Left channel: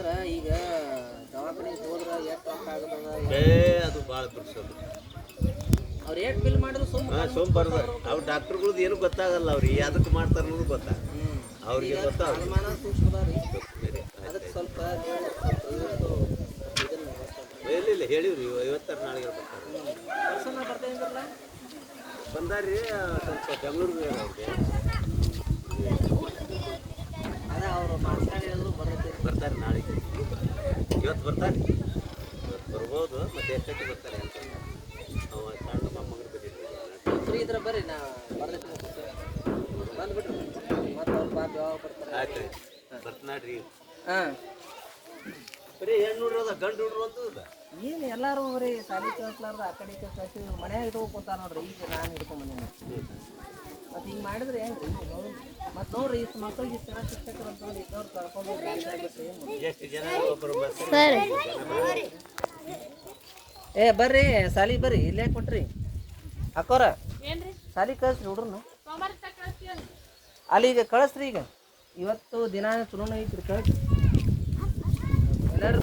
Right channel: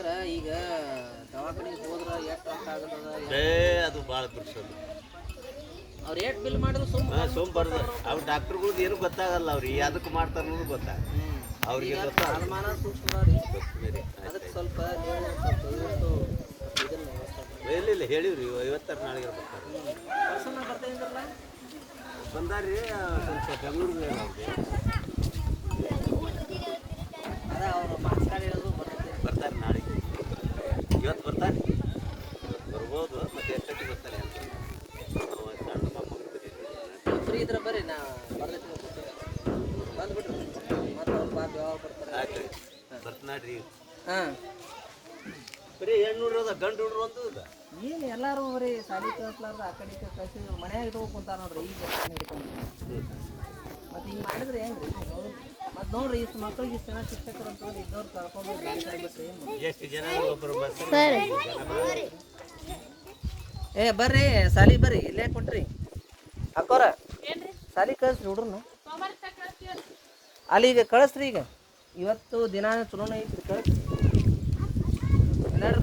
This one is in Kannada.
ಅಂದ್ರ ಈಗ ದವಾಖಾನಿಗೆ ಹೋದ್ರ ಎಷ್ಟು ರೊಕ್ಕ ಆಗತ್ತದ ಏ ಅದು ಭಾಳ ಬಿಡ್ಸೋದು ಅವ್ರು ಎಷ್ಟು ಬಿಲ್ ಮಾಡಿದ್ರು ಸುಮ್ಮ ಹಾಂ ಸೋಮ್ ಬರ್ದು ಅವ್ರು ಡಾಕ್ಟ್ರುಗಳ್ದು ಏನು ಗೊತ್ತಾಗಲ್ಲ ಅವ್ರಿಗೆ. ಅದಕ್ಕೆ ಮಾಡ್ತಾರೆ ಅನ್ನೋದು ಗೊತ್ತಾಗ ಅವ್ರಿಗೆ ಗೊತ್ತಾಗ ಅನುಮಾನ ಸೂಕ್ಷ್ಮ ಅದಕ್ಕೆ ಸ್ವಲ್ಪ ನೀವು ಸ್ವಲ್ಪ ದಯವಿಟ್ಟು ಇದನ್ನ ಇಲ್ಲ ಇಲ್ಲ ಹೇಳಿವ್ರಿ. ಐವತ್ತಾರು ನಾಳೆಗೆ ಬರ್ತಾರೆ. ಪರ್ಸನ್ ಬರ್ತಾ ಇದ್ರಲ್ಲ? ಬಂದಾರ್ರಿ ಸ್ವಲ್ಪ ಬೆಂಗಳೂರಿಗೆ ಅವ್ರಿಗೆ ಅದ ಅವರು ಮಾತಾಡಿರೋದು ಬರ್ತೈತಿ ಬರ್ತಾರೆ ನಾಳೆಗೆ ಇವತ್ತು ಬರ್ತಾ? ಬರ್ಬೋದು ಮತ್ತೆ ಎಷ್ಟೊತ್ತಿ ಬರ್ತಾರೆ ಅಂತ. ಫ್ರೀ ಇದ್ರೆ ಬರ್ರಿ ನಾ ಬರ್ಲತ್ತೀನಿ ಬಂದ್ಬಿಟ್ರಿ ಮತ್ತೆ ಅವ್ರು ಪಾಪ ಯಾವಾಗ ಬರ್ತಾರೆ ಆಯ್ತು ಬರ್ತಾಡ್ರಿ ಹಾಂ. ಬರೀ ಹೆಣ್ಣು ಅದ ಗಂಡು ಹುಡ್ರು ಅಂತ ಏನು ಎಲ್ಲರೂ ಬರೀ ಸಾಲಿ ಕಳ್ಸ್ಲಾರ್ದ ಆ ಕಡೆ ಕಳ್ಸಿ ಮನ್ಯಾಗ ಇಟ್ಕೊಂಡು ಕುಂತಾರ ನೋಡ್ರಿ ಈಗ ನಾನು ಹಿಡ್ಕೊಂಡು ಮಾಡಿದ್ರೆ ಹೆಂಗ್ರಿ ಮತ್ತೆ ನೋಡ್ರಿ ಇಷ್ಟು ಮಕ್ಳಿಗೆ ಇಷ್ಟು ಜನ ಶಿಕ್ಷಕರು ಅಂತ ಹೇಳಿ ಇದ್ದವ್ರು ಕರ್ಕೊಂಡು ಎಷ್ಟು ಜನ ಏ ಬರ್ರಿ ಸಾಲಿ ಬರ್ರಿ ಇಲ್ಲೇ ಕುಂಟ್ರಿ. ಅಕ್ಕೋರ ಸಾಲಿ ಕಳಿಸ್ರಿ ಹುಡ್ರನ್ನ ಅಲ್ಲಿ ಈಗ ಕಳಿಸ್ರಿ ಈಗ. ಇವತ್ತು ದಿನ ಚಲೋನ ಐತ್ರಿ ಕಳಿಸ್ರಿ. ಎಲ್ಲರೂ